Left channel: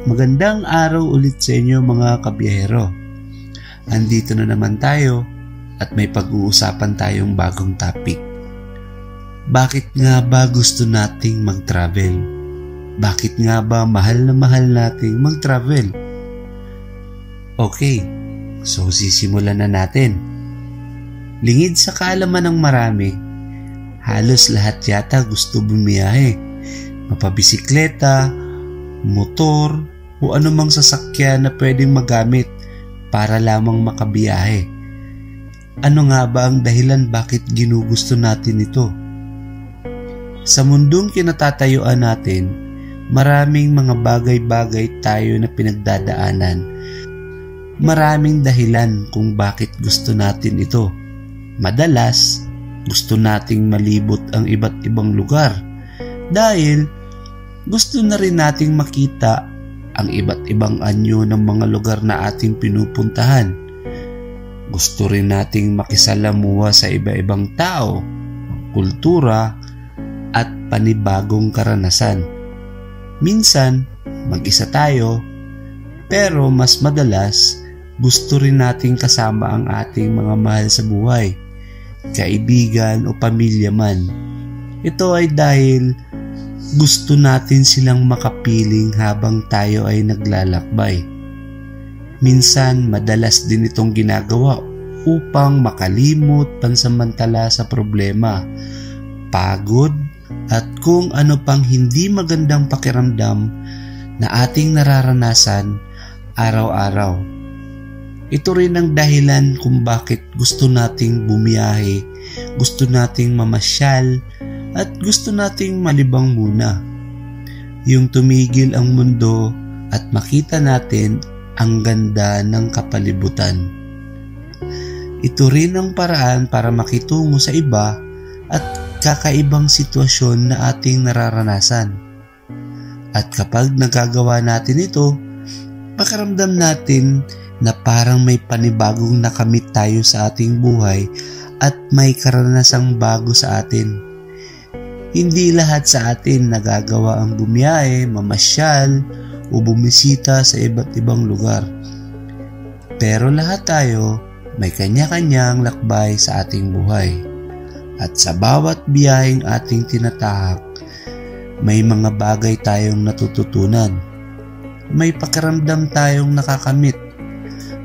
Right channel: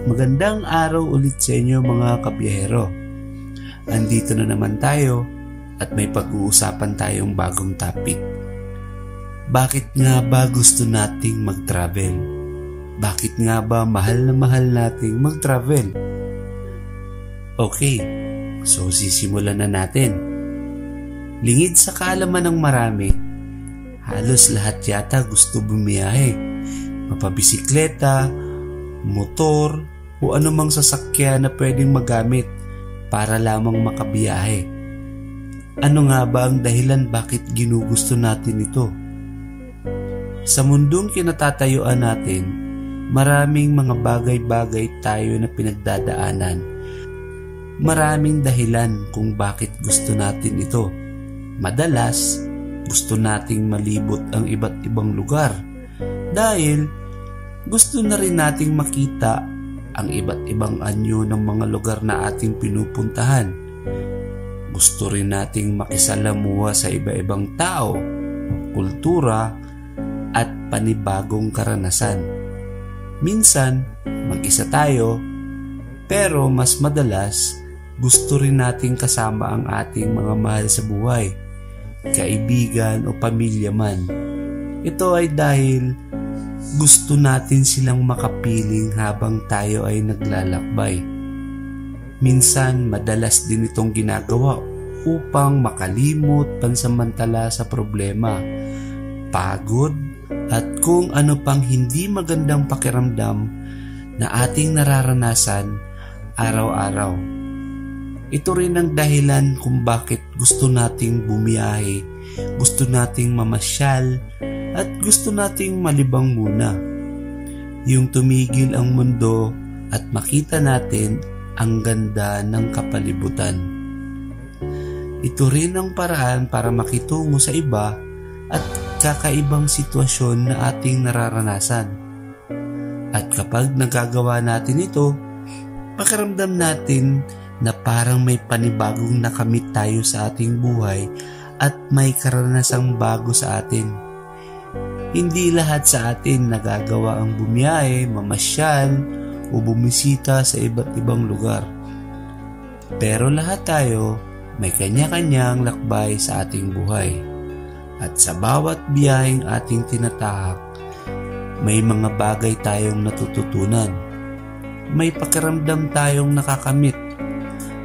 Magandang araw ulit sa inyo mga kabiyahero. Andito na naman tayo at may pag-uusapan tayong bagong topic. Bakit nga ba gusto nating mag-travel? Bakit nga ba mahal na mahal nating mag-travel? Okay, so sisimulan na natin. Lingid sa kaalaman ng marami, halos lahat yata gusto bumiyahe. Mapabisikleta, motor, o anumang sasakyan na pwedeng magamit para lamang makabiyahe. Ano nga ba ang dahilan bakit ginugusto natin ito? Sa mundong kinatatayuan natin, maraming mga bagay-bagay tayo na pinagdadaanan. Maraming dahilan kung bakit gusto natin ito. Madalas, gusto nating malibot ang iba't ibang lugar dahil gusto na rin nating makita ang iba't ibang anyo ng mga lugar na ating pinupuntahan. Gusto rin nating makisalamuha sa iba-ibang tao, kultura, at panibagong karanasan. Minsan, mag-isa tayo, pero mas madalas, gusto rin nating kasama ang ating mga mahal sa buhay, kaibigan o pamilya man. Ito ay dahil gusto natin silang makapiling habang tayo ay naglalakbay. Minsan, madalas din itong ginagawa upang makalimot pansamantala sa problema, pagod, at kung ano pang hindi magandang pakiramdam na ating nararanasan araw-araw. Ito rin ang dahilan kung bakit gusto nating bumiyahe, gusto nating mamasyal, at gusto nating malibang muna. Yung tumigil ang mundo at makita natin ang ganda ng kapalibutan. Ito rin ang paraan para makitungo sa iba at kakaibang sitwasyon na ating nararanasan. At kapag nagagawa natin ito, pakiramdam natin na parang may panibagong nakamit tayo sa ating buhay at may karanasang bago sa atin. Hindi lahat sa atin nagagawa ang bumiyahe, mamasyal, o bumisita sa iba't ibang lugar. Pero lahat tayo may kanya-kanyang lakbay sa ating buhay. At sa bawat biyaheng ating tinatahak, may mga bagay tayong natututunan. May pakiramdam tayong nakakamit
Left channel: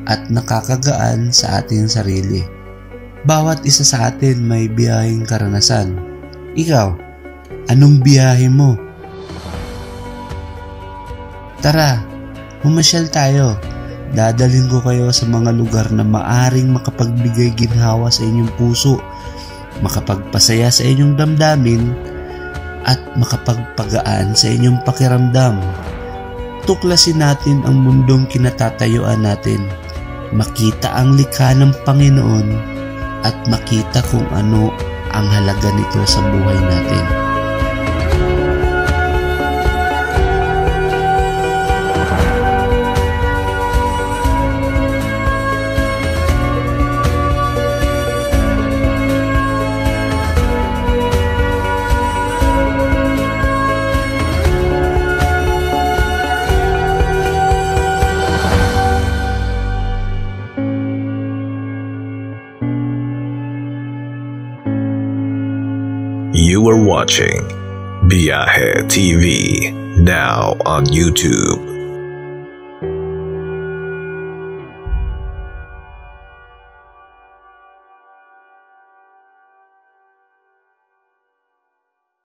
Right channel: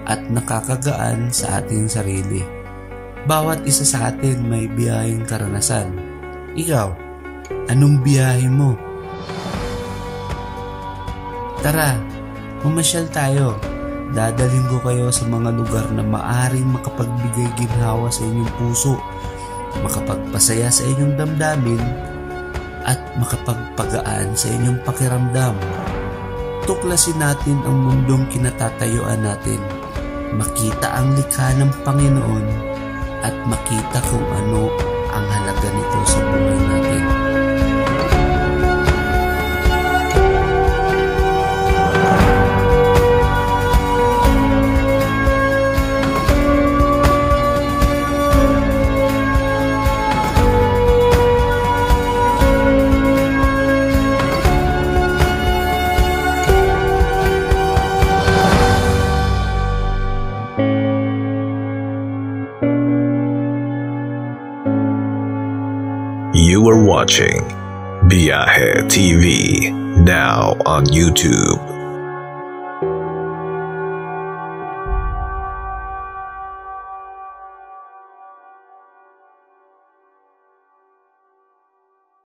at nakakagaan sa ating sarili. Bawat isa sa atin may biyaheng karanasan. Ikaw, anong biyahe mo? Tara, mamasyal tayo. Dadalhin ko kayo sa mga lugar na maaring makapagbigay ginhawa sa inyong puso, makapagpasaya sa inyong damdamin, at makapagpagaan sa inyong pakiramdam. Tuklasin natin ang mundong kinatatayuan natin, makita ang likha ng Panginoon, at makita kung ano ang halaga nito sa buhay natin. You are watching Biyahe TV, now on YouTube.